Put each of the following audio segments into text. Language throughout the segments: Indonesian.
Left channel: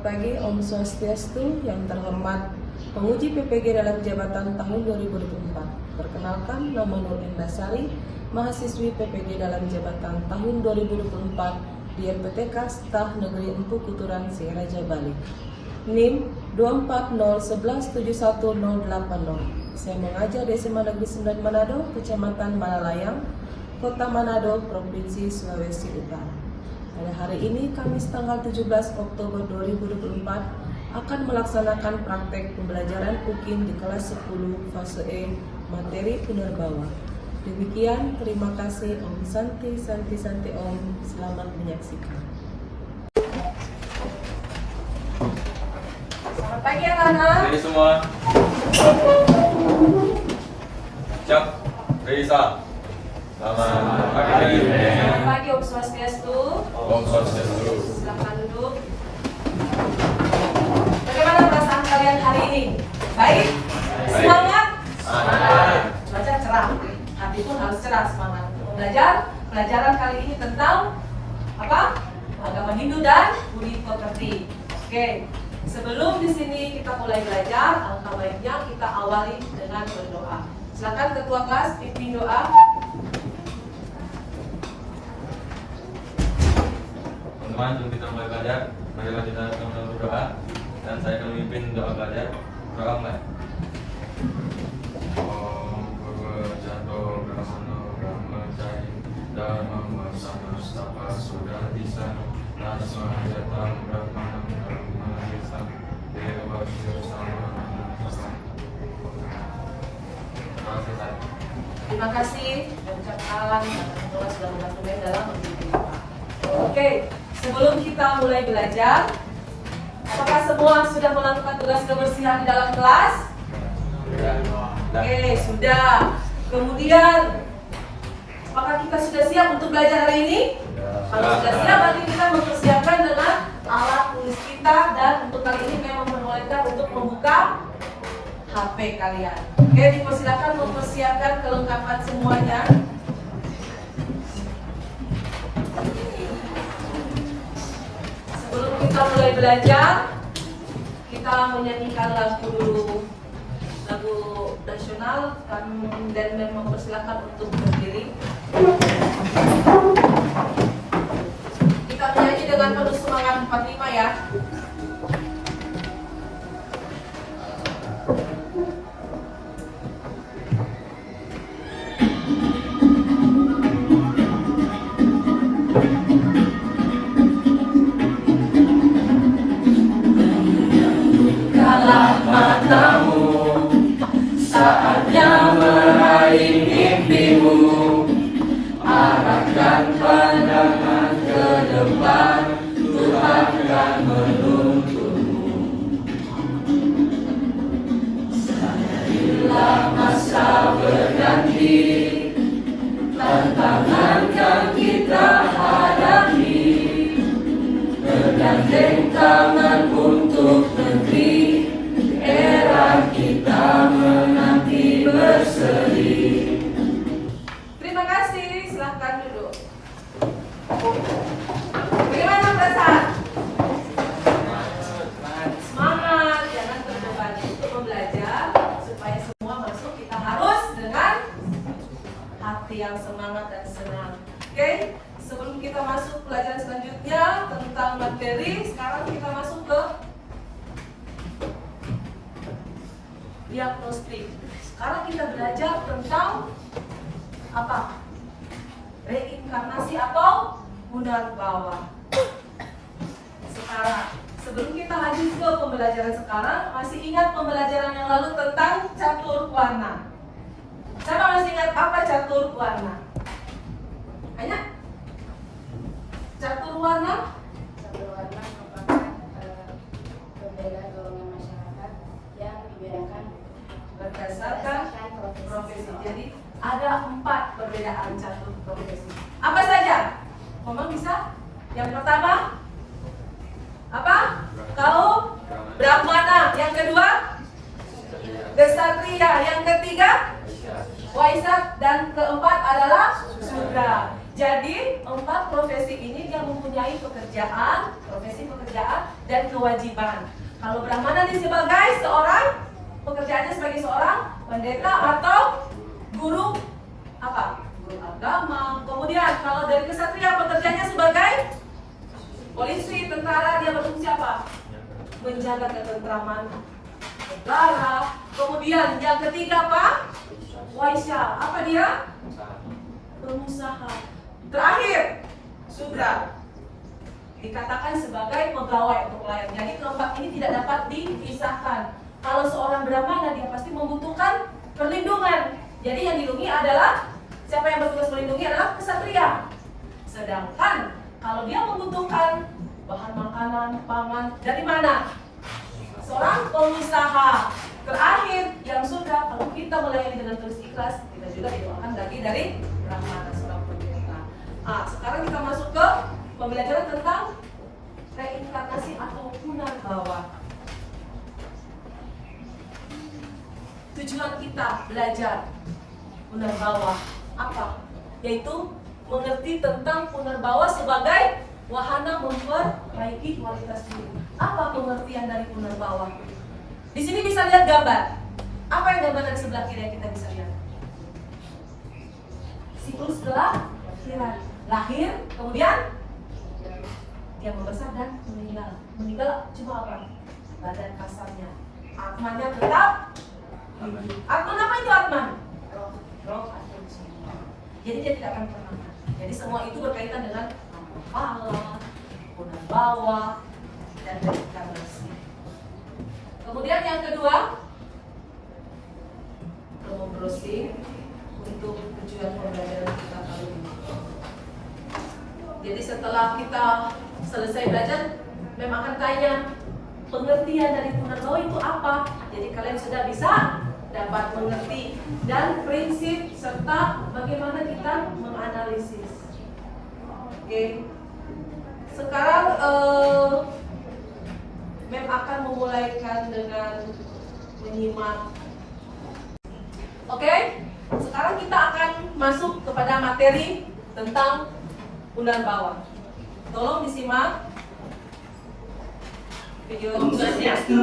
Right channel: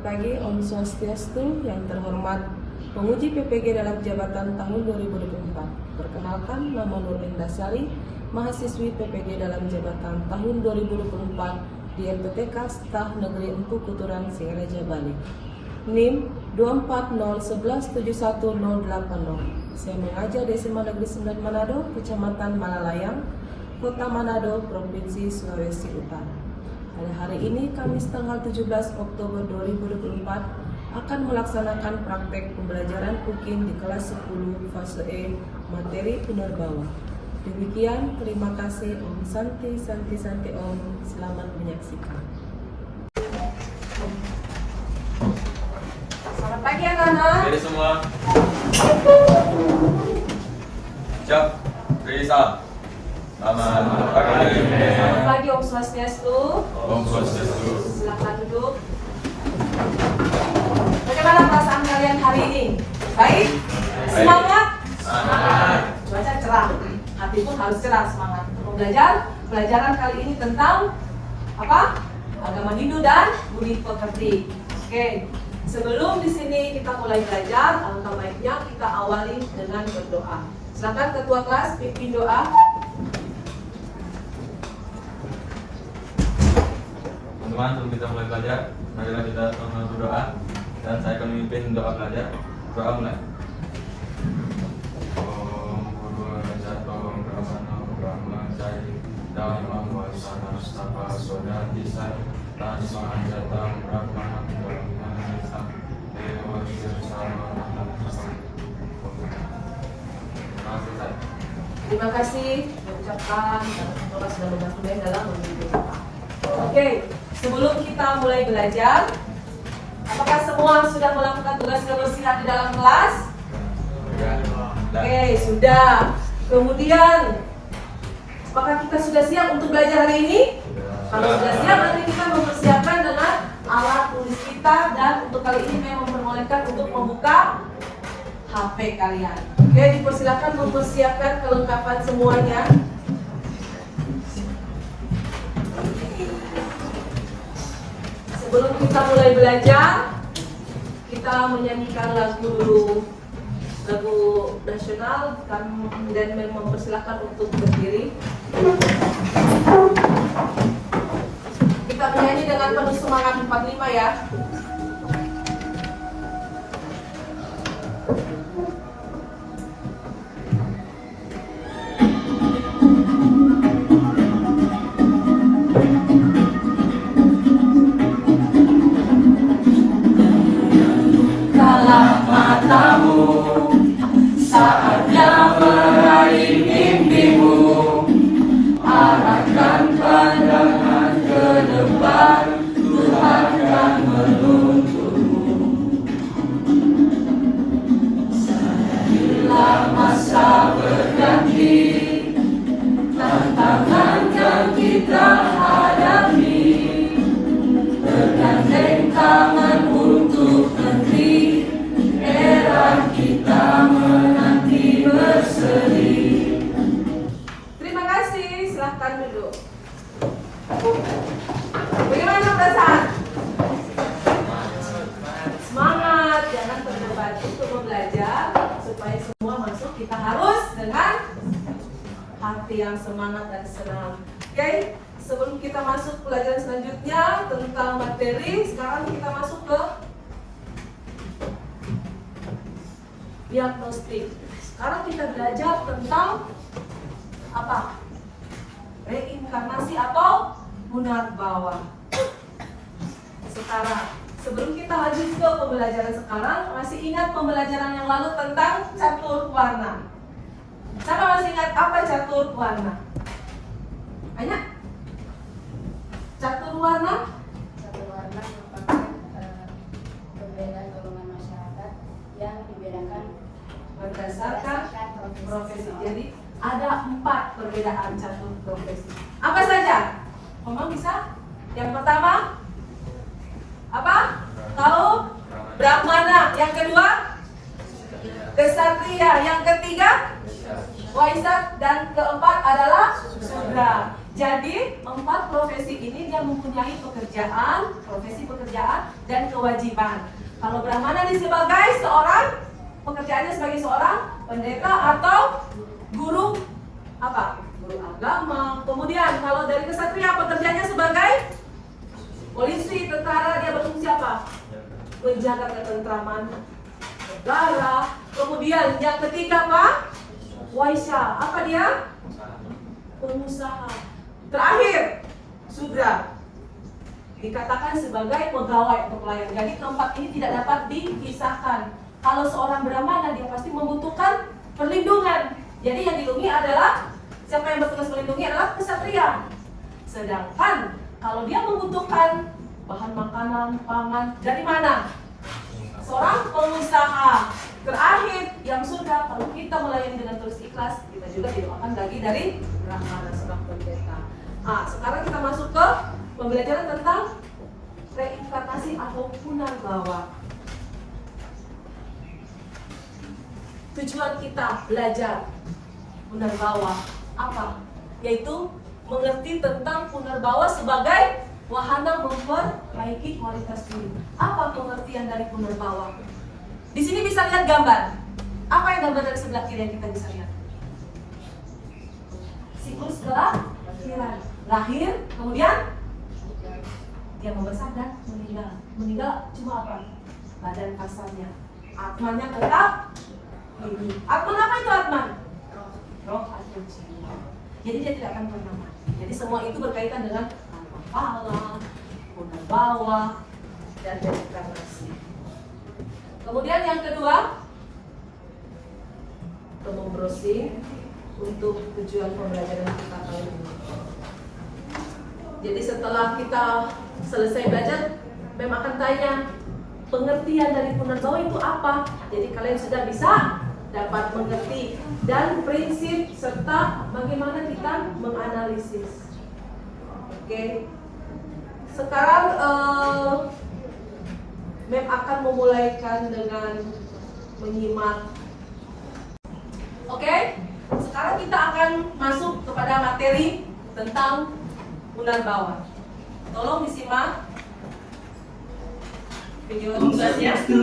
Selamat pagi, Om Swastiastu. Yang terhormat penguji PPG dalam jabatan tahun 2024. Perkenalkan, nama Nur Endasari, mahasiswi PPG dalam jabatan tahun 2024 di MPTK Staf Negeri Empu Kuturan, Singaraja, Bali. NIM 240117180. Saya mengajar di SMA Negeri 9 Manado, Kecamatan Malalayang, Kota Manado, Provinsi Sulawesi Utara. Pada hari ini, Kamis tanggal 17 Oktober 2024, akan melaksanakan praktek pembelajaran cooking di kelas 10 fase E materi penerbawa. Demikian, terima kasih. Om Santi Om. Selamat menyaksikan. Selamat pagi anak-anak. Ready semua? Siap. Ready salam. Selamat pagi. Selamat pagi, Om Swastiastu. Om Swastiastu. Silakan duduk. Bagaimana perasaan kalian hari ini? Baik? Semangat? Semangat. Cuaca cerah, hati pun harus cerah, semangat untuk belajar. Pelajaran kali ini tentang apa? Agama Hindu dan budi pekerti. Oke, sebelum di sini kita mulai belajar, alangkah baiknya kita awali dengan berdoa. Silakan ketua kelas pimpin doa. Teman-teman, sebelum kita mulai belajar, marilah kita sama berdoa. Dan saya akan memimpin doa belajar. Doa mulai. Om Jato Brahmana Brahmacari Dharma Wasana Stapa Soda Tisan Tasma Jatam Brahmana Brahmana Nisan Dewa Bersama. Terima kasih mengucapkan Bapak sudah membantu dalam memimpin Bapak. Oke, sebelum kita mulai belajar, apakah semua sudah melakukan tugas kebersihan di dalam kelas? Oke, sudah. Kemudian, apakah kita sudah siap untuk belajar hari ini? Kalau sudah siap, berarti kita mempersiapkan dengan alat tulis kita, dan untuk kali ini memang memperbolehkan untuk membuka HP kalian. Oke, dipersilakan mempersiapkan kelengkapan semuanya. Sebelum kita mulai belajar, kita menyanyikan lagu dulu, lagu nasional, dan mempersilakan untuk berdiri. Kita menyanyi dengan penuh semangat 45 ya. Bagaimana perasaan? Semangat, jangan berdebat untuk belajar. Supaya semua masuk, kita harus dengan hati yang semangat dan senang. Oke, sebelum kita masuk pelajaran selanjutnya tentang materi, sekarang kita masuk ke diagnostik. Sekarang kita belajar tentang apa? Reinkarnasi atau Punarbawa. Sekarang, sebelum kita lanjut ke pembelajaran sekarang, masih ingat pembelajaran yang lalu tentang catur warna? Siapa masih ingat apa catur warna? Banyak? Catur warna? Catur warna merupakan perbedaan golongan masyarakat yang dibedakan Berdasarkan profesi. Jadi ada 4 perbedaan catur profesi. Apa saja? Ngomong bisa? Yang pertama apa? Kaum Brahmana. Yang kedua Kesatria. Yang ketiga Waisak. Dan keempat adalah Sudra. Jadi 4 profesi ini dia mempunyai pekerjaan, profesi pekerjaan dan kewajiban. Kalau Brahmana ini sebagai seorang, pekerjaannya sebagai seorang pendeta atau guru apa? Guru agama. Kemudian kalau dari kesatria pekerjaannya sebagai polisi, tentara, dia berfungsi apa? Menjaga ketentraman negara. Kemudian yang ketiga apa? Waisya. Apa dia? Pengusaha. Terakhir, sudra. Dikatakan sebagai pegawai atau pelayan. Jadi keempat ini tidak dapat dipisahkan. Kalau seorang Brahmana dia pasti membutuhkan perlindungan. Jadi yang dilindungi adalah, siapa yang bertugas melindungi adalah kesatria. Sedangkan kalau dia membutuhkan bahan makanan, pangan, dari mana? Seorang pengusaha. Terakhir yang sudah, kalau kita melayani dengan tulus ikhlas, kita juga didoakan lagi dari Brahmana seorang pendeta. Sekarang kita masuk ke pembelajaran tentang reinkarnasi atau punarbawa. Tujuan kita belajar punarbawa apa? Yaitu mengerti tentang punarbawa sebagai wahana memperbaiki kualitas diri. Apa pengertian dari punarbawa? Di sini bisa lihat gambar. Apa yang gambar dari sebelah kiri yang kita bisa lihat? Siklus kelahiran. Lahir, kemudian dia membesar dan meninggal. Meninggal cuma apa? Badan kasarnya. Atmannya tetap. Atman apa itu Atman? Roh atau jiwa. Jadi dia tidak akan pernah. Jadi semua itu berkaitan dengan kepala, punarbawa, dan reinkarnasi. Kemudian yang kedua, untuk membrowsing untuk tujuan pembelajaran kita kali ini. Jadi setelah kita selesai belajar, Mem akan tanya pengertian dari punarbawa itu apa. Jadi kalian sudah bisa dapat mengerti dan prinsip serta bagaimana kita menganalisis. Oke. Sekarang Mem akan memulaikan dengan menyimak. Oke. Sekarang kita akan masuk kepada materi tentang punarbawa. Tolong disimak video. Swastiastu.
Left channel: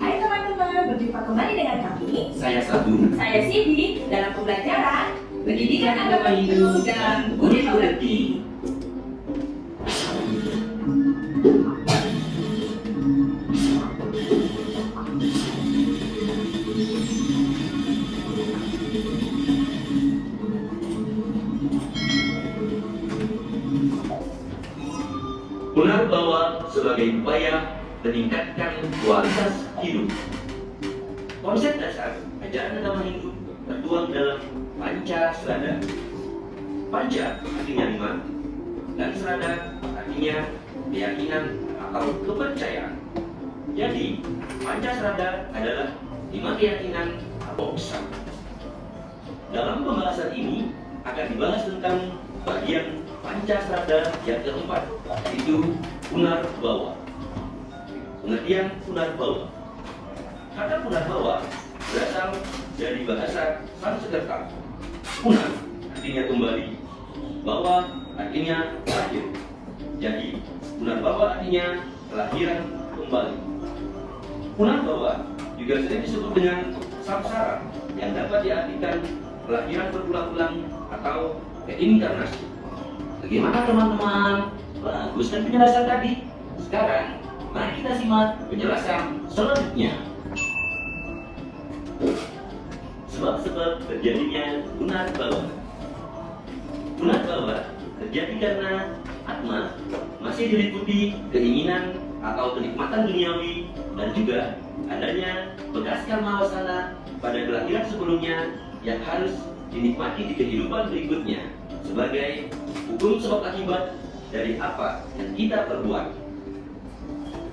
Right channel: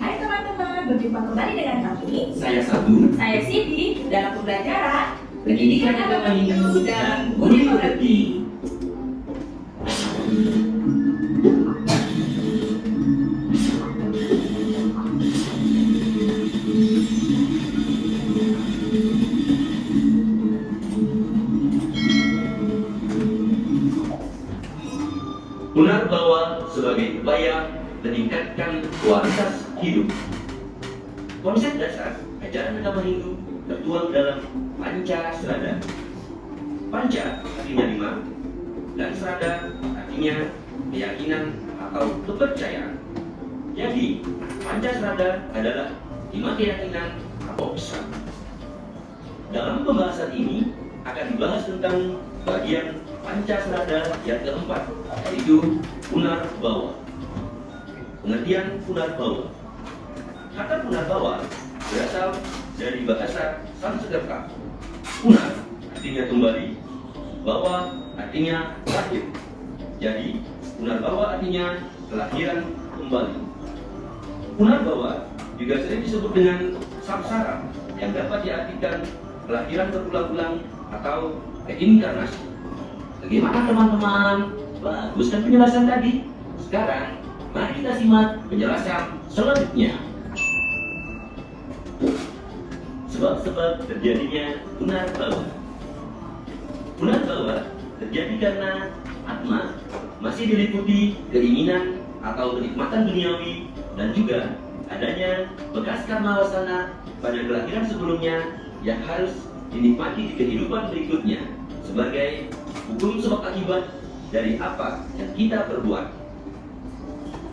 Hai teman-teman, berjumpa kembali dengan kami. Saya Sabu. Saya Sidi dalam pembelajaran Pendidikan Agama Hindu dan Budi Pekerti. Punarbawa sebagai upaya meningkatkan kualitas hidup. Konsep dasar ajaran agama Hindu tertuang dalam Pancasrada. Panca artinya 5, dan Srada artinya keyakinan atau kepercayaan. Jadi, Pancasrada adalah 5 keyakinan atau pesan. Dalam pembahasan ini akan dibahas tentang bagian Pancasrada yang keempat, yaitu punarbawa. Pengertian punarbawa. Kata punarbawa berasal dari bahasa Sanskerta. Punar artinya kembali, bawa artinya lahir. Jadi punarbawa artinya kelahiran kembali. Punarbawa juga sering disebut dengan samsara, yang dapat diartikan kelahiran berulang-ulang atau reinkarnasi. Bagaimana teman-teman? Bagus kan penjelasan tadi? Sekarang, mari kita simak penjelasan selanjutnya. Sebab-sebab terjadinya punarbawa. Punarbawa terjadi karena atma masih diliputi keinginan atau kenikmatan duniawi dan juga adanya bekas karma wasana pada kelahiran sebelumnya yang harus dinikmati di kehidupan berikutnya sebagai hukum sebab akibat dari apa yang kita perbuat.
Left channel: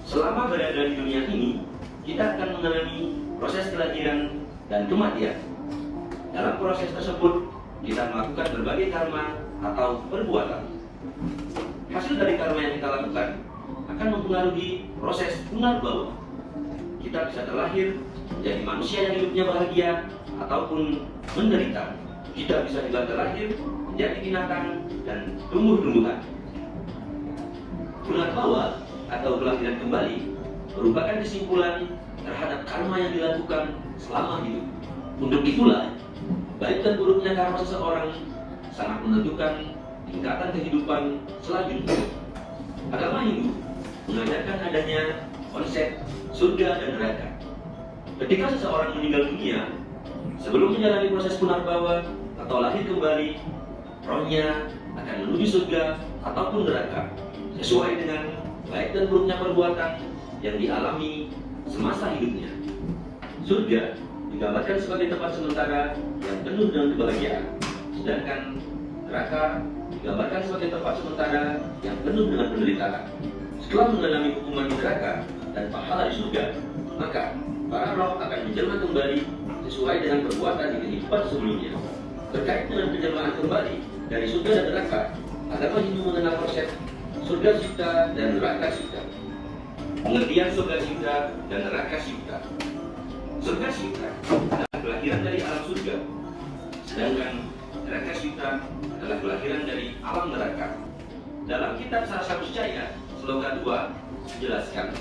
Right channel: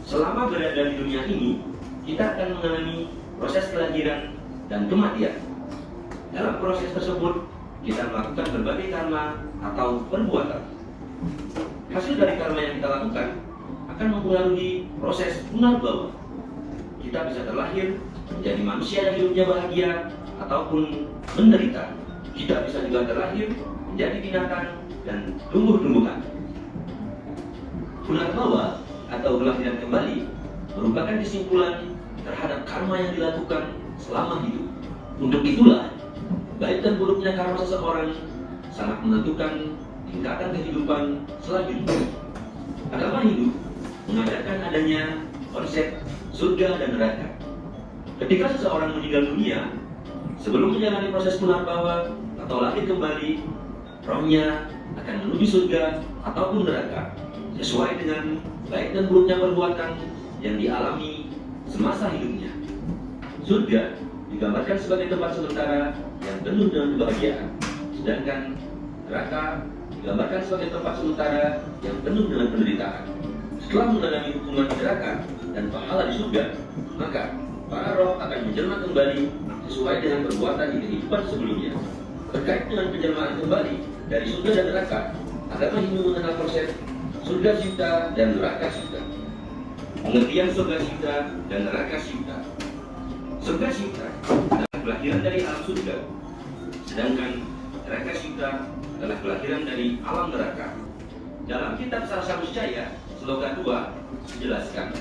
Selama berada di dunia ini, kita akan mengalami proses kelahiran dan kematian. Dalam proses tersebut, kita melakukan berbagai karma atau perbuatan. Hasil dari karma yang kita lakukan akan mempengaruhi proses punarbawa. Kita bisa terlahir menjadi manusia yang hidupnya bahagia ataupun menderita. kita bisa juga terlahir menjadi binatang dan tumbuh-tumbuhan. Punarbawa atau kelahiran kembali merupakan kesimpulan terhadap karma yang dilakukan selama hidup. Untuk itulah, baik dan buruknya karma seseorang sangat menentukan tingkatan kehidupan selanjutnya. Agama Hindu mengajarkan adanya konsep surga dan neraka. Ketika seseorang meninggal dunia, sebelum menjalani proses punarbawa atau lahir kembali, rohnya akan menuju surga ataupun neraka sesuai dengan baik dan buruknya perbuatan yang dialami semasa hidupnya. Surga digambarkan sebagai tempat sementara yang penuh dengan kebahagiaan, sedangkan neraka digambarkan sebagai tempat sementara yang penuh dengan penderitaan. Setelah mengalami hukuman di neraka dan pahala di surga, maka para roh akan menjelma kembali sesuai dengan perbuatan di kehidupan sebelumnya. Terkait dengan penjelmaan kembali dari surga dan neraka, agama Hindu mengenal konsep surga cipta dan neraka cipta. Pengertian surga cipta dan neraka cipta. Surga cipta adalah kelahiran dari alam surga, sedangkan neraka cipta adalah kelahiran dari alam neraka. Dalam kitab Sarasa Muscaya, Sloka 2 menjelaskan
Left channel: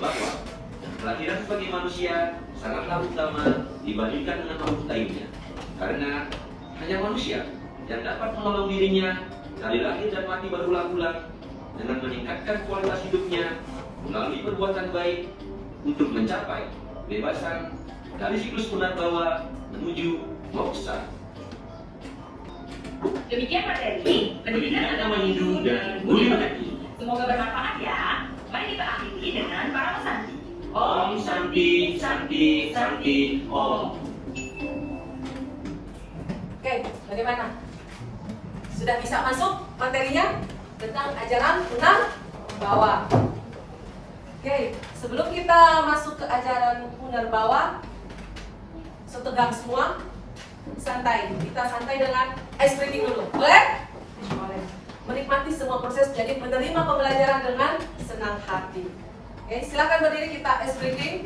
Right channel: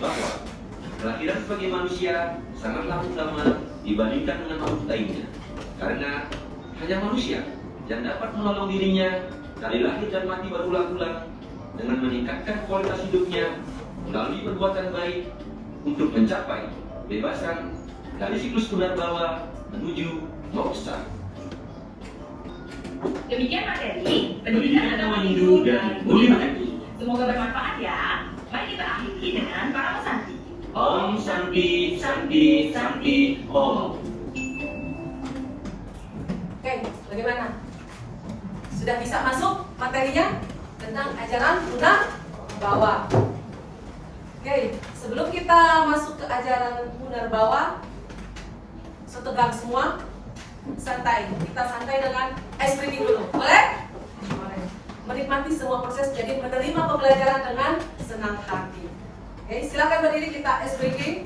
bahwa kelahiran sebagai manusia sangatlah utama dibandingkan dengan makhluk lainnya, karena hanya manusia yang dapat menolong dirinya dari lahir dan mati berulang-ulang dengan meningkatkan kualitas hidupnya melalui perbuatan baik untuk mencapai kebebasan dari siklus punarbawa menuju moksa. Demikian materi pendidikan agama Hindu dan budi pekerti. Semoga bermanfaat ya. Mari kita akhiri dengan para pesanti. Om Santi, Santi, Santi, Om. Oke, bagaimana? Sudah bisa masuk materinya tentang ajaran Punarbawa? Oke, sebelum kita masuk ke ajaran Punarbawa, setegang semua, santai. Kita santai dengan ice breaking dulu. Boleh? Boleh. Menikmati semua proses, jadi menerima pembelajaran dengan senang hati. Oke, silakan berdiri, kita ice breaking.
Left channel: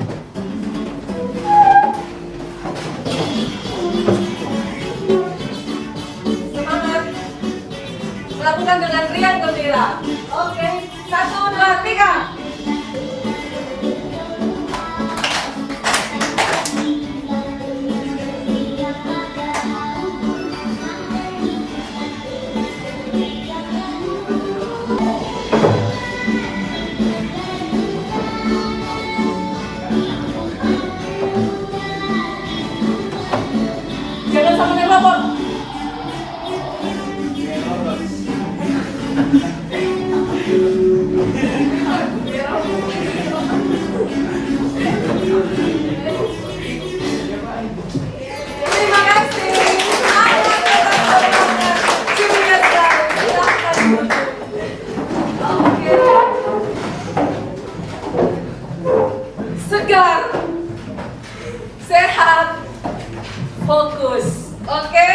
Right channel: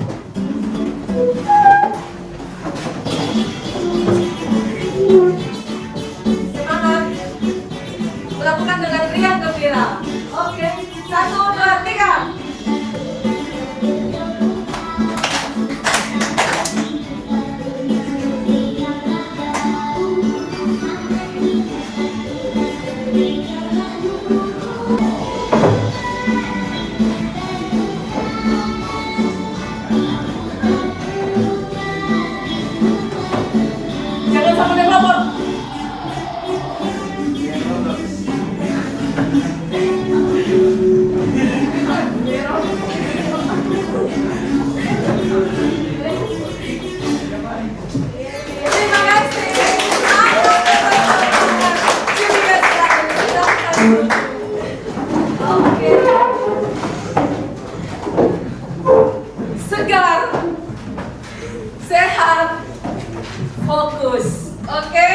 Semangat. Melakukan dengan riang gembira. Oke, 1, 2, 3. Jangan sampai ngelopor. Terima kasih. Oke. Segar, sehat, fokus. Oke.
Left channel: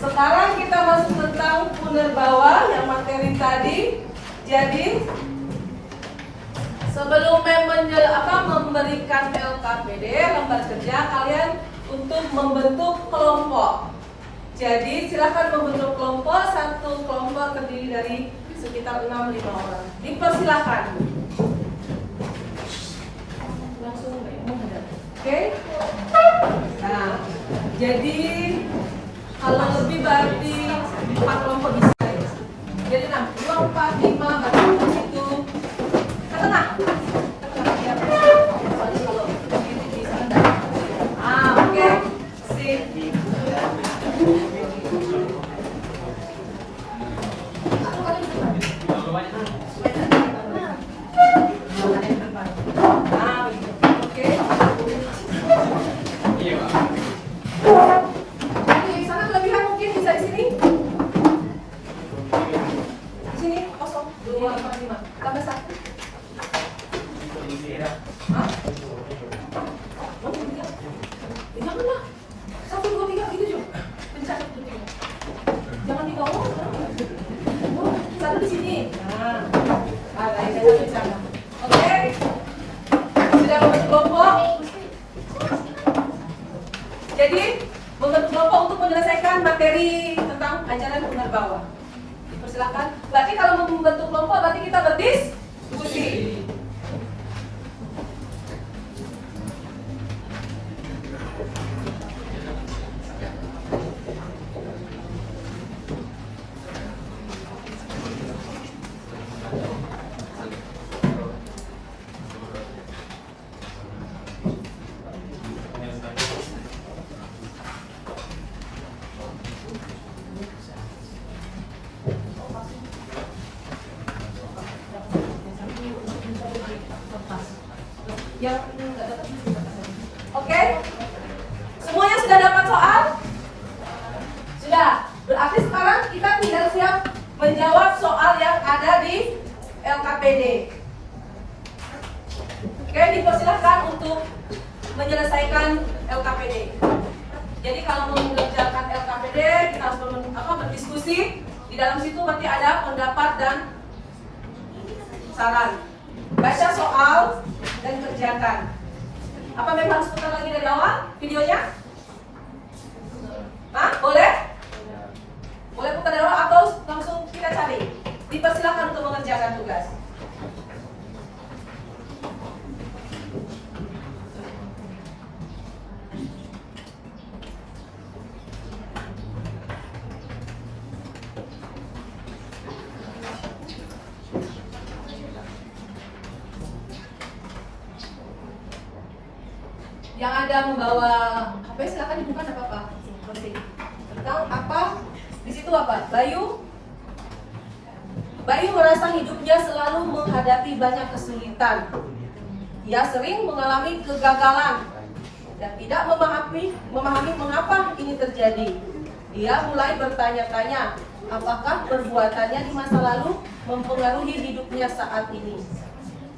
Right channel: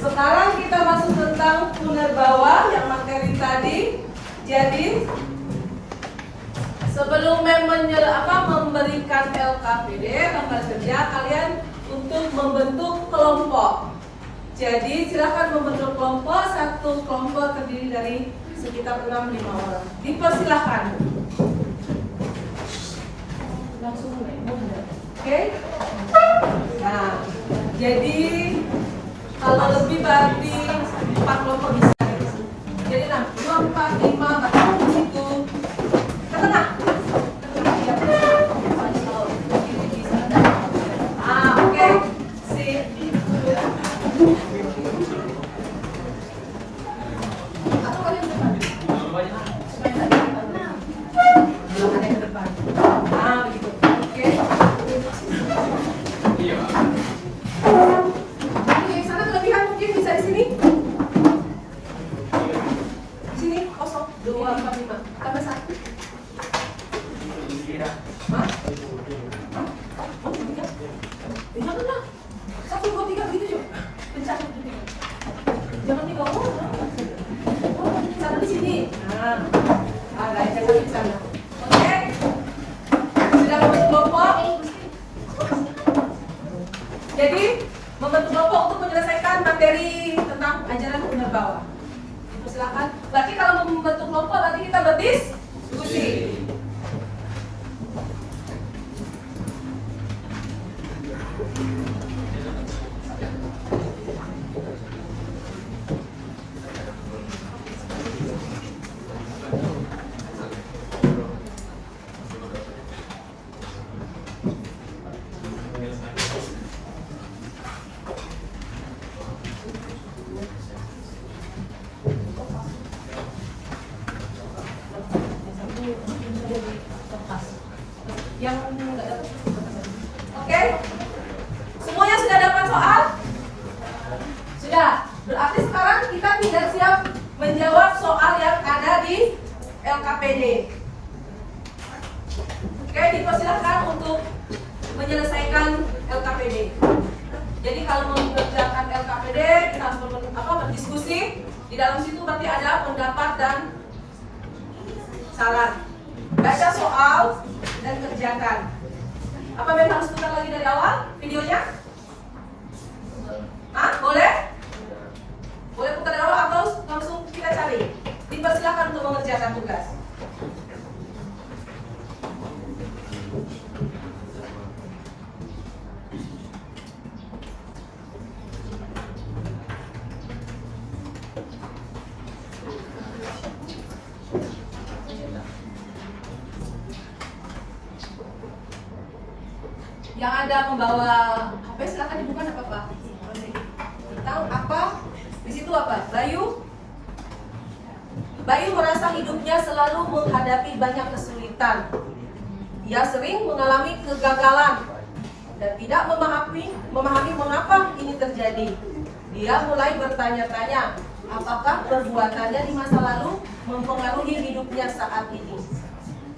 Sekarang kita masuk tentang Punarbawa yang materi tadi. Jadi sebelum memberikan LKPD, lembar kerja, kalian untuk membentuk kelompok. Jadi silakan membentuk kelompok. Satu kelompok terdiri dari sekitar 6-5 orang. Dipersilakan. Langsung deh. Oke. Nah, jadi kalau lebih berarti 4 kelompok bisa. Jadi 6, 2, 4, 5 baru ke situ. Ke tengah. Oke. Sip. Atau kalian depan. Supaya tidak kelihatan depan. Belum ada yang depan. Gitu. Oke. Yang sana kelebihan mungkin bisa di sini. Di sini kosong 2, 4, 5. Tambah 1. Hah? Oh, 3. Janganlah. 1, 2, 3 begitu juga. Bisa 1, 2, 3. Jangan 3 orang. Oh, satu di sini. Nah, ada yang satu di sana. Oke. Sudah membentuk kelompok. Jadi membentuk kelompok untuk menyelesaikan materi tentang ajaran unar bawah. Persilakan. Berarti kalau mau membentuk kelompok berarti kita berdiskusi. Yang nggak dapat. Oke, semuanya sudah dapat soal? Sudah. Berarti sekarang kita tidak siap menjawab soal yang ada di LKPD. Oke, dipersilahkan untuk menyelesaikan LKPD. Jadi kalau mengerjakan LKPD kita harus berdiskusi. Di dalam situ berarti ada pendapat dan saran. Baca soal dan kerjakan. Apa memang harus putar lagi dari awal videonya? Hah? Boleh? Boleh putar dari awal atau langsung kita cari? Dipersilakan untuk mengerjakan tugas. Yang ada membawa HP silakan dibuka, nggak apa-apa. Tentang apa? Di situ apa? Bayu merasa hidupnya selalu menghadapi banyak kesulitan. Ia sering mengalami kegagalan dan tidak memahami mengapa ini terjadi. Dia mulai bertanya-tanya, apakah perbuatannya di masa lalu mempengaruhi hidupnya saat ini.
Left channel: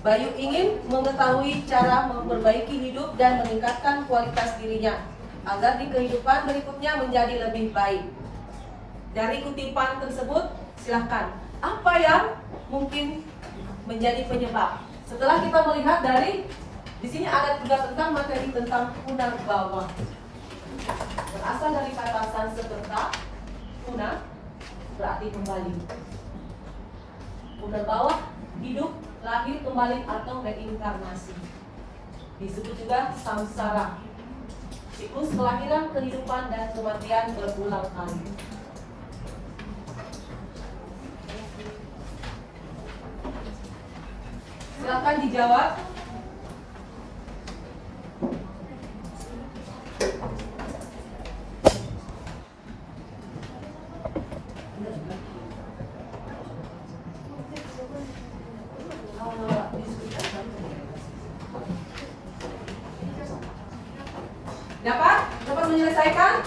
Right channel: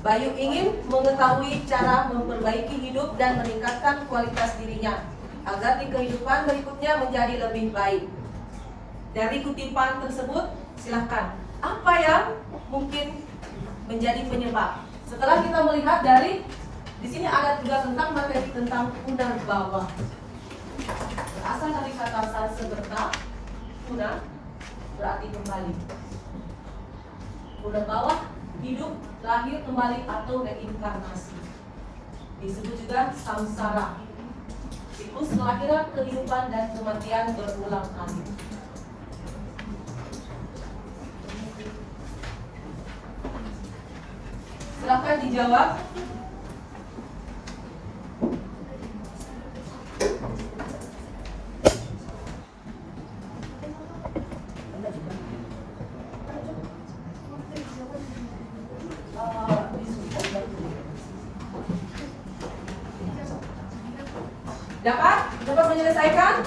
Bayu ingin mengetahui cara memperbaiki hidup dan meningkatkan kualitas dirinya agar di kehidupan berikutnya menjadi lebih baik. Dari kutipan tersebut, silahkan. Apa yang mungkin menjadi penyebab? Setelah kita melihat dari di sini ada juga tentang materi tentang unar bawah. Berasal dari kata Sanskerta, unar berarti kembali. Unar bawah hidup, lahir kembali atau reinkarnasi. Disebut juga samsara, siklus kelahiran, kehidupan dan kematian berulang kali. Silakan dijawab. Dapat menyelesaikan?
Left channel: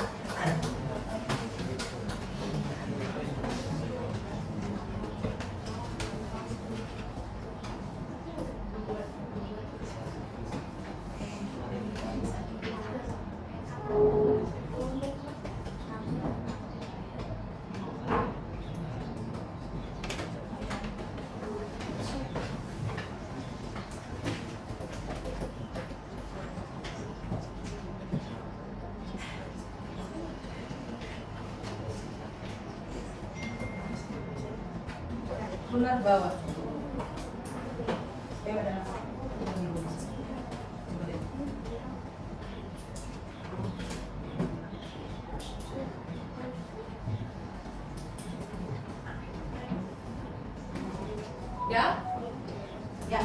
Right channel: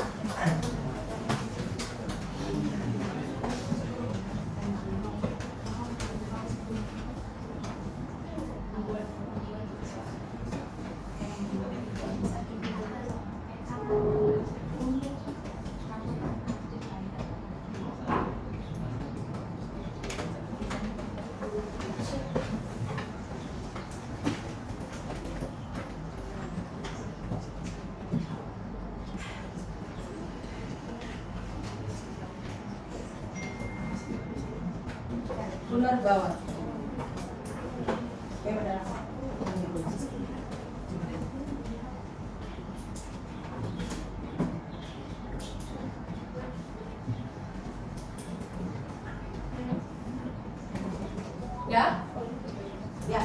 Unar bawah. Ya? Ya.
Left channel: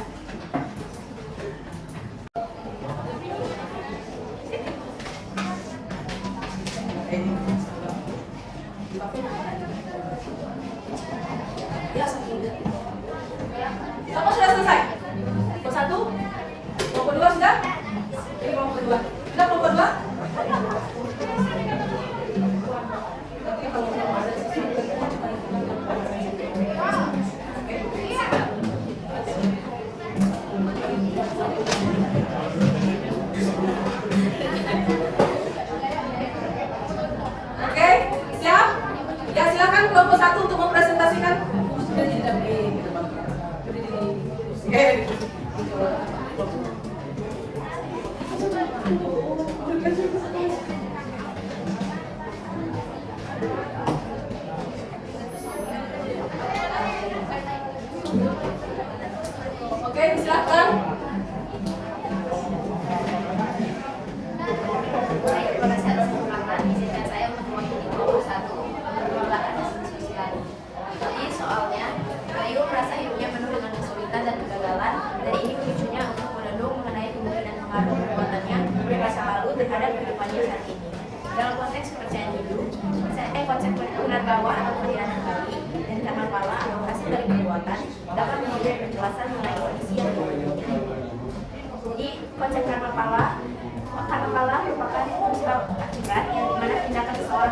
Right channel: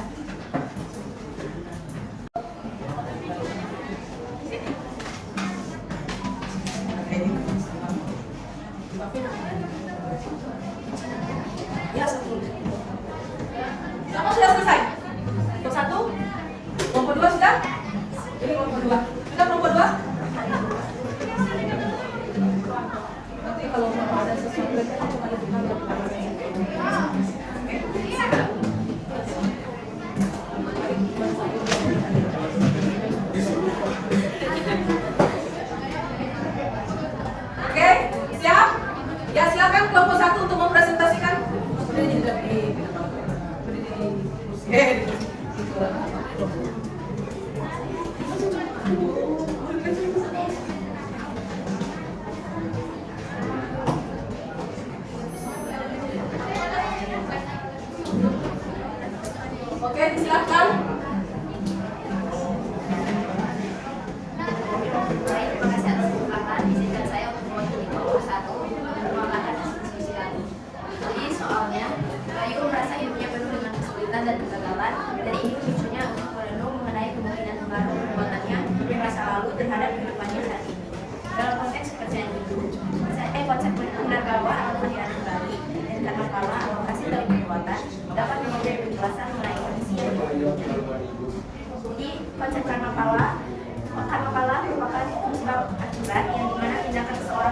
Ya, apa sudah selesai? Kelompok 1? Kelompok 2 sudah? Ini kelompok 2. Sudah kelompok 2? Nanti kalau ada sesuatu yang cepat Oke, siap? Ya, silakan kelompok 1 untuk mempresentasikan. Sudah tidak di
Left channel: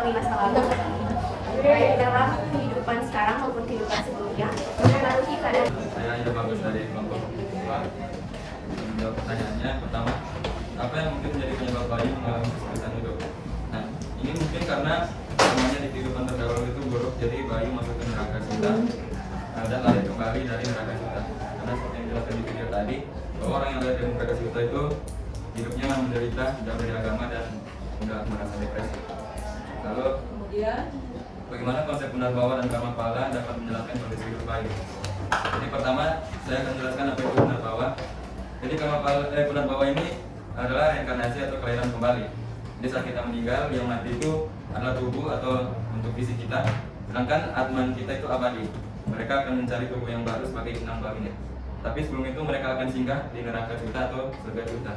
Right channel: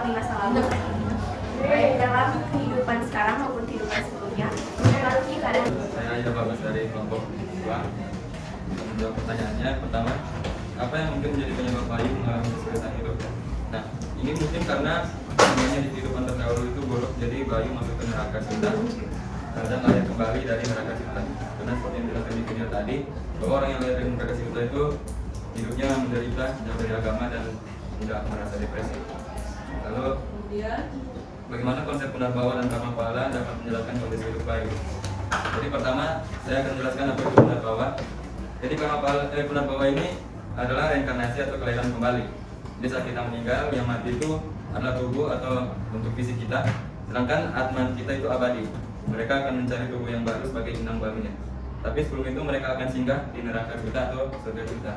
di masa lalu, baik dalam kehidupan sekarang maupun kehidupan sebelumnya, mempengaruhi keadaan. Saya Ida Bagus dari kelompok 2. Untuk menjawab pertanyaannya, pertama, apa yang mungkin menjadi penyebab bayi mengalami kesulitan hidup? Nah, ini mungkin karena semuanya di kehidupan terdahulu itu buruk, jadi bayi masuk ke neraka cinta dan lahir kembali dari neraka cinta. Karena seperti yang dijelaskan di video tadi, bahwa orang yang lahir dari neraka cinta itu hidupnya menderita, jauh dari agama dan mudah merasa depresi. Lalu Kemudian bagaimana konsep punarbawa dan karma pahala dapat menjelaskan kondisi hidup bayi? Jadi pertama, saya akan menjelaskan apa itu punarbawa. Jadi punarbawa ini adalah reinkarnasi atau kelahiran kembali. Jadi saat kita meninggal, yang mati itu adalah tubuh atau bentuk fisik kita, sedangkan atman kita itu abadi. Mereka akan mencari tubuh yang baru sebagai inang barunya. Tapi sebelum itu mereka akan singgah di neraka kita atau surga kita.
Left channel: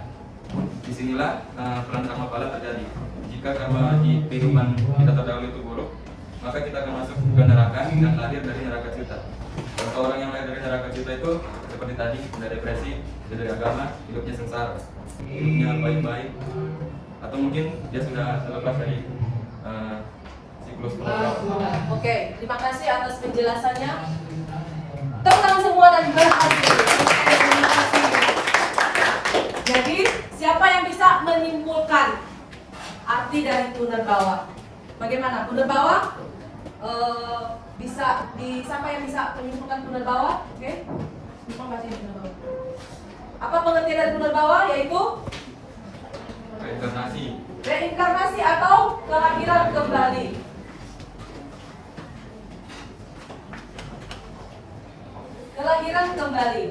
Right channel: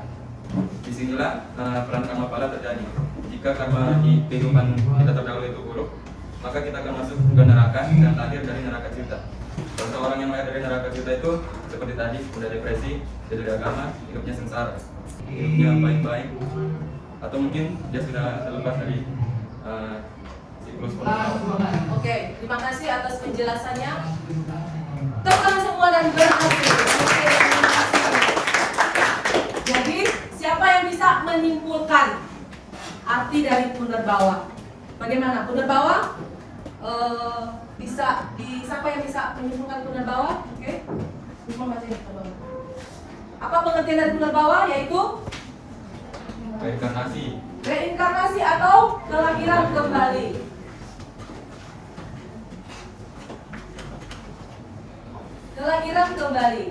Disinilah peran karma pahala terjadi. Jika karma di kehidupan kita terdahulu itu buruk, maka kita akan masuk ke neraka dan lahir dari neraka kita. Contoh orang yang lahir dari neraka kita itu seperti tadi, mudah depresi, jauh dari agama, hidupnya sengsara, hidupnya baik-baik, atau mungkin dia sudah terlepas dari siklus punarbawa. Oke, terima kasih atas penjelasannya. Tepuk tangan semua dan berhasil. Oke, terima kasih. Jadi, siapa yang bisa menyimpulkan arti dari punarbawa? Bagaimana punarbawa? Siapa yang bisa menyimpulkan punarbawa? Oke, bisa baca punarbawa. Apa pengertian dari punarbawa? Yaitu Reinkarnasi. reinkarnasi atau kelahiran kembali. Kelahiran kembali.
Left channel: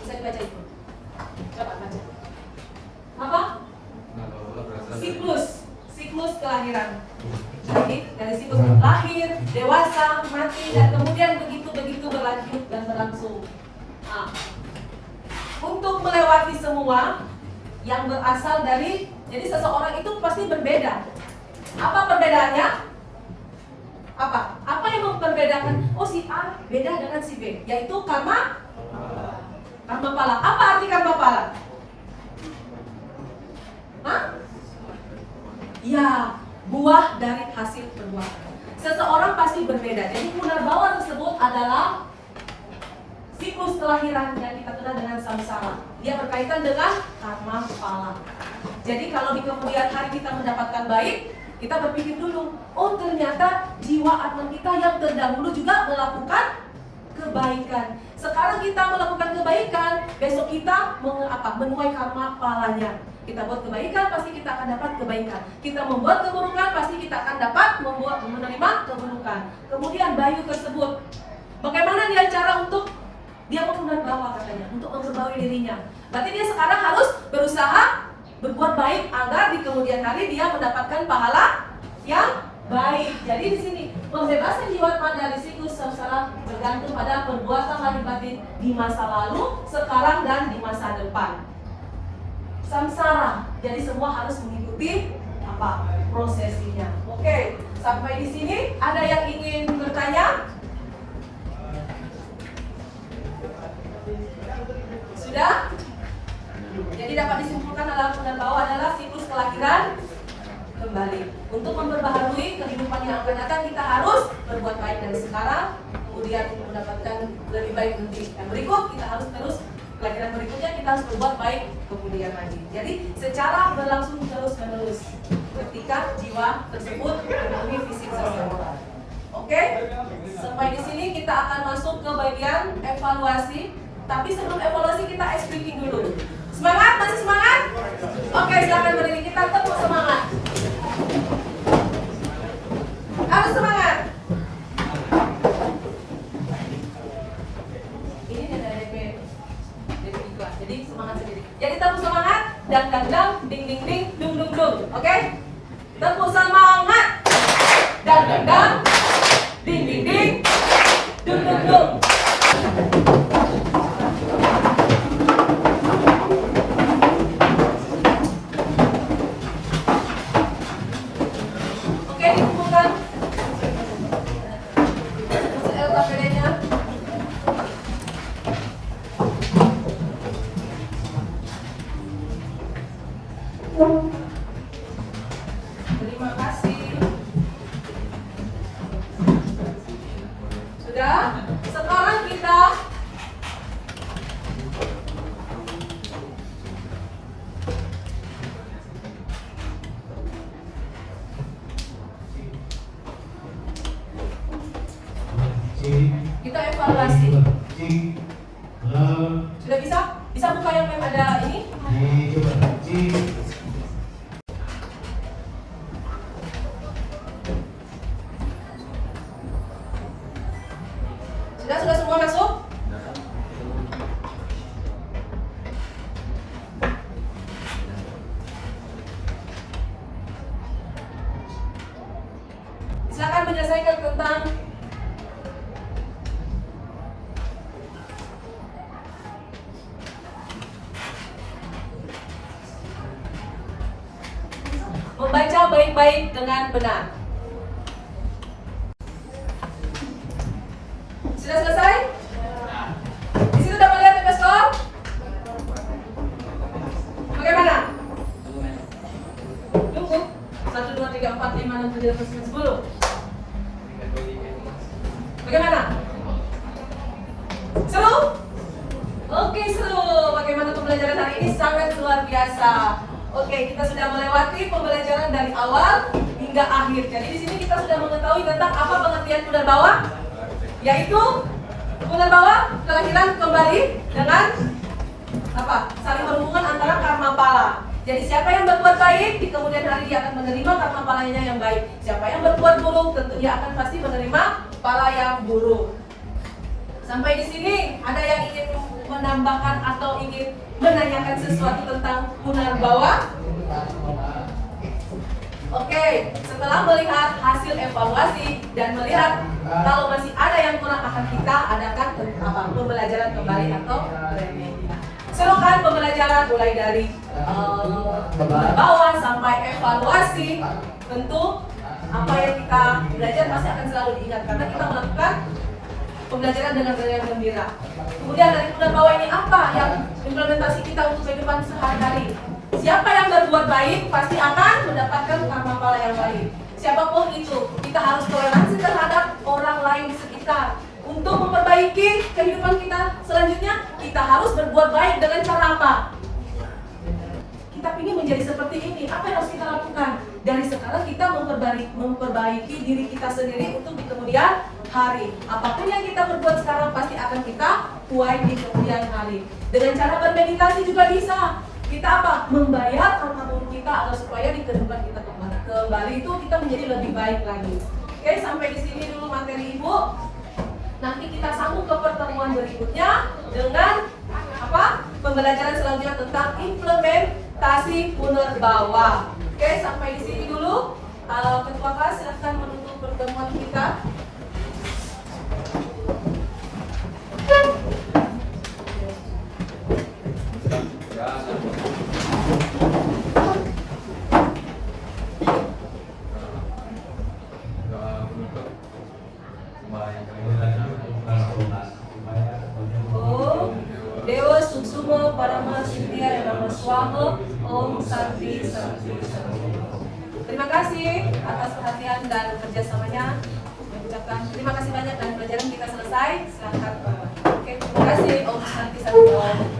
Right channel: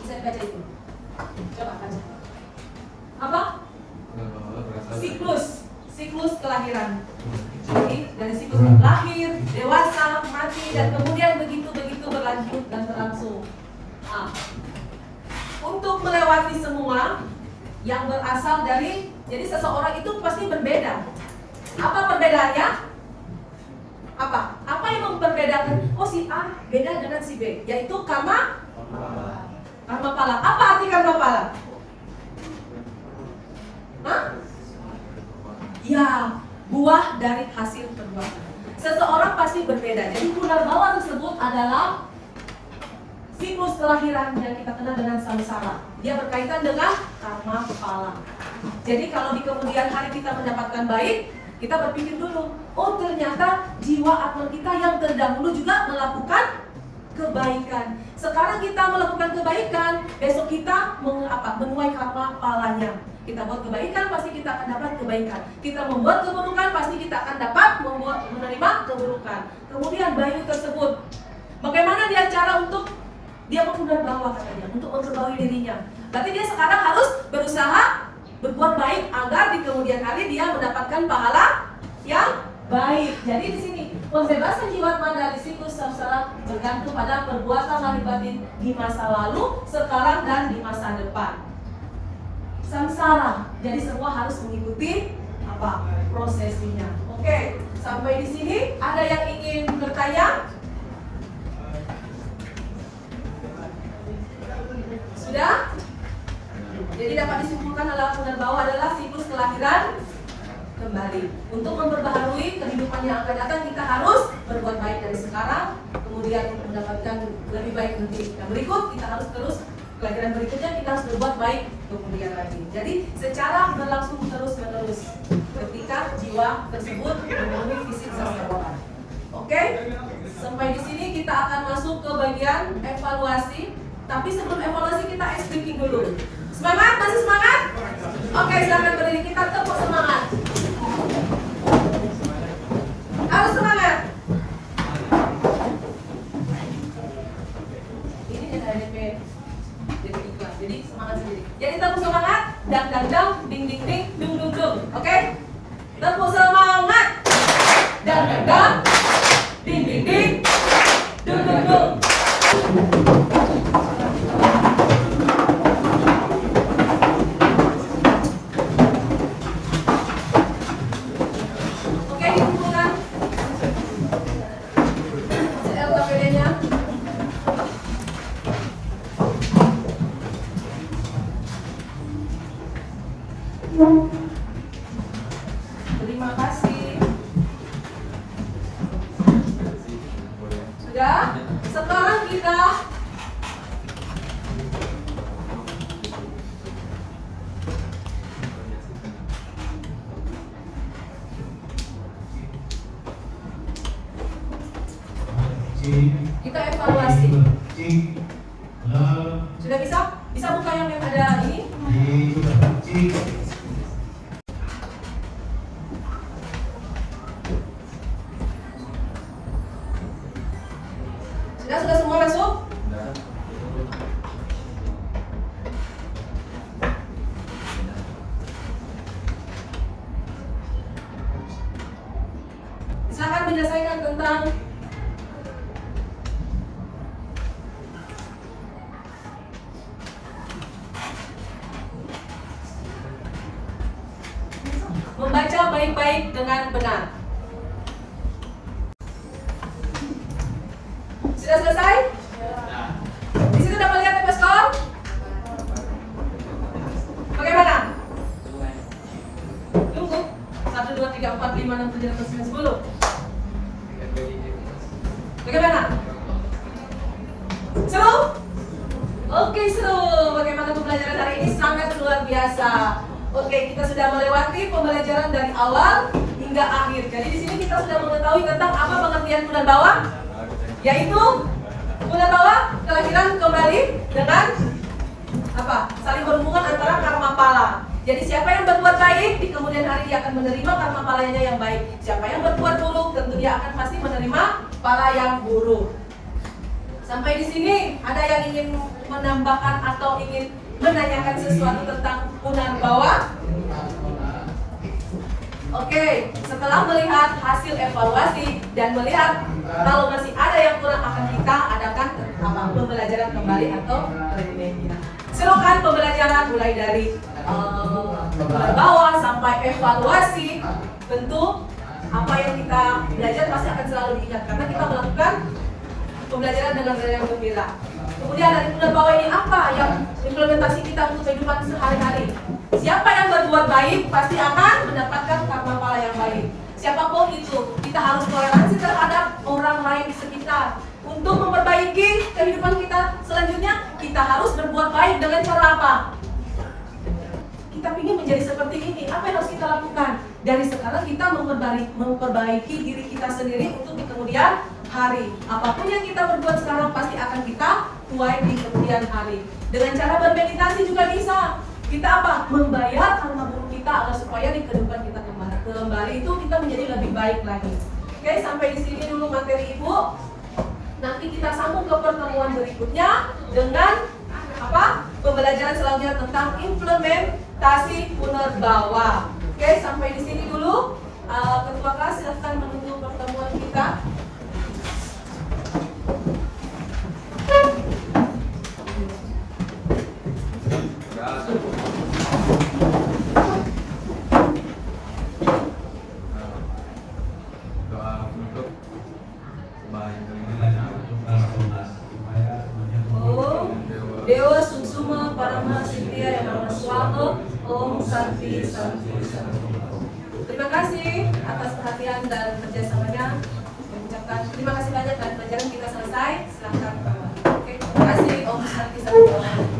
Bisa dibaca itu. Coba baca. Apa? Punarbawa berasal dari Siklus kelahiran. Jadi dari siklus lahir, dewasa, mati, dan kemudian begitu berlanjut dan berlangsung. Nah, untuk melewati semua yang berasal dari, jadi seseorang itu pasti berbeda. Apa perbedaannya? Apa yang memperbedakan? Oh, si A beda dengan si B, yaitu karma pala. Apa arti karma pala? Hah? Ya, buah dari hasil perbuatan. Seseorang pasti berbeda. Jadi punarbawa tersebut adalah siklus kelahiran yang kita kenal dengan samsara. Dia berkaitan dengan karma pala. Jadi kalau di kemudian hari kita mendapatkan baik, kita berpikir dulu, oh ternyata jiwa atma kita yang terdahulu juga melakukan kebaikan. Sekarang kita melakukan kebaikan, besok kita menuai karma palanya. Kita buat kebaikan, pasti kita akan dapat kebaikan. Kita membuat keburukan, pasti kita akan dapat menerima keburukan. Kemudian bayu tersebut, bagaimana dia cara untuk dia punarbawa katanya, untuk memperbaiki dirinya. Berarti dia sekarang harus berusaha berbuat baik agar di kemudian hari dia mendapatkan pahala yang baik. Jadi di sini pembebasan jiwa dari siklus samsara bergantung pada perbuatan lahir batin di masa lalu, sekarang dan di masa depan. Samsara, jadi semua harus mengikuti prosesinya. Oke, sampai di sini ada yang ingin bertanya? Sudah? Jadi dapat disimpulkan adalah punarbawa adalah siklus kelahiran kembali. Untuk memperbaharui kehidupan yang akan datang, kita harus berbuat baik dari sekarang, kemudian untuk mendapatkan lebih baik nanti. Nah, berikut kita harus terus kelahiran berikutnya kita harus berbuat baik kemudian lagi. Jadi secara berlangsung terus menerus ketika jiwa tersebut memenuhi fisik seseorang. Oke? Sampai di sini kita akan masuk ke bagian evaluasi. Tapi sebelum evaluasi kita ice breaking dulu. Semangat? Masih semangat? Oke, silakan berdiri, kita tepuk semangat. Harus semangat. Ini ada DP iklan, jadi semangat sendiri. Jadi tepuk semangat, dang, ding, dung. Oke? Tepuk semangat, dang, ding, dung. Oke, dikumpulkan. Sudah? Sekarang kita evaluasi. Sudah bisa? Bisa buka yang ada ini? Sudah semua masuk? Silakan menyelesaikan tentang membaca baik-baik dengan benar. Sudah selesai? Di situ dapat lihat tanda skor? Bagaimana? Tunggu. 1, 2, 3, 4, 5, 6, 7, 8, 9, 10. Bagaimana? Seru? Oke, seru. Bagaimana pembelajaran hari ini? Sangat luar biasa. Oke, kita sudah melewati pembelajaran dari awal hingga akhir. Jadi di sini kita sudah mengetahui tentang apa pengertian Punarbawa, yaitu Punarbawa kelahiran kembali dengan apa? Saling berhubungan antara karma pala. Jadi siapa yang berbuat baik di kemudian hari dia akan menerima karma palanya yang baik. Siapa yang berbuat buruk tentu dia akan pasti menerima pala yang buruk. Sampai di sini ada yang ingin menambahkan atau ingin menanyakan sesuatu tentang Punarbawa? Oke, setelah melihat hasil evaluasi dan melihat kalau masih ada yang kurang akan kita adakan pembelajaran kembali atau remedial. Seru kan pembelajaran mulai dari Punarbawa sampai evaluasi. Tentu apa yang kita belajar pasti akan selalu diingat karena kita melakukan pembelajaran dengan rasa yang gembira. Kemudian dari Punarbawa ini apa yang implementasi kita untuk kehidupan sehari-hari? Siapa yang berbuat baik pasti akan mendapatkan karma pala yang baik. Siapapun itu, kita harus toleransi terhadap orang lain di sekitar. Untuk memperbaiki kehidupan kita selanjutnya, kita harus berbuat baik dengan cara apa? Kita ingin menjadi seperti ini. Apa yang harus kita lakukan? Dari sekarang kita memperbaiki diri kita sendiri untuk di kemudian hari. Apapun yang kita berbuat sekarang pasti akan kita tuai di kemudian hari. Dengan cara bermeditasi juga bisa. Kita apa? Membayar karma buruk kita agar supaya di kehidupan kita kembali itu kita menjadi lebih baik lagi. Oke, sampai di sini dulu materi Ibu. Nanti kita sambung ke pertemuan berikutnya dengan apa? Pembelajaran selanjutnya tentang implementasi Punarbawa. Oke, sampai di sini dulu. Ketua kelas silahkan menunggu pertemuan kita. Dewa Suksuma Parama Siddhya Nama Swago Om Santi Santi. Terima kasih atas perhatian dan kerjasamanya. Ucapkan terima kasih banyak dan pelajaran kita selesai. Silahkan. Oke, terima kasih Om Santi Santi.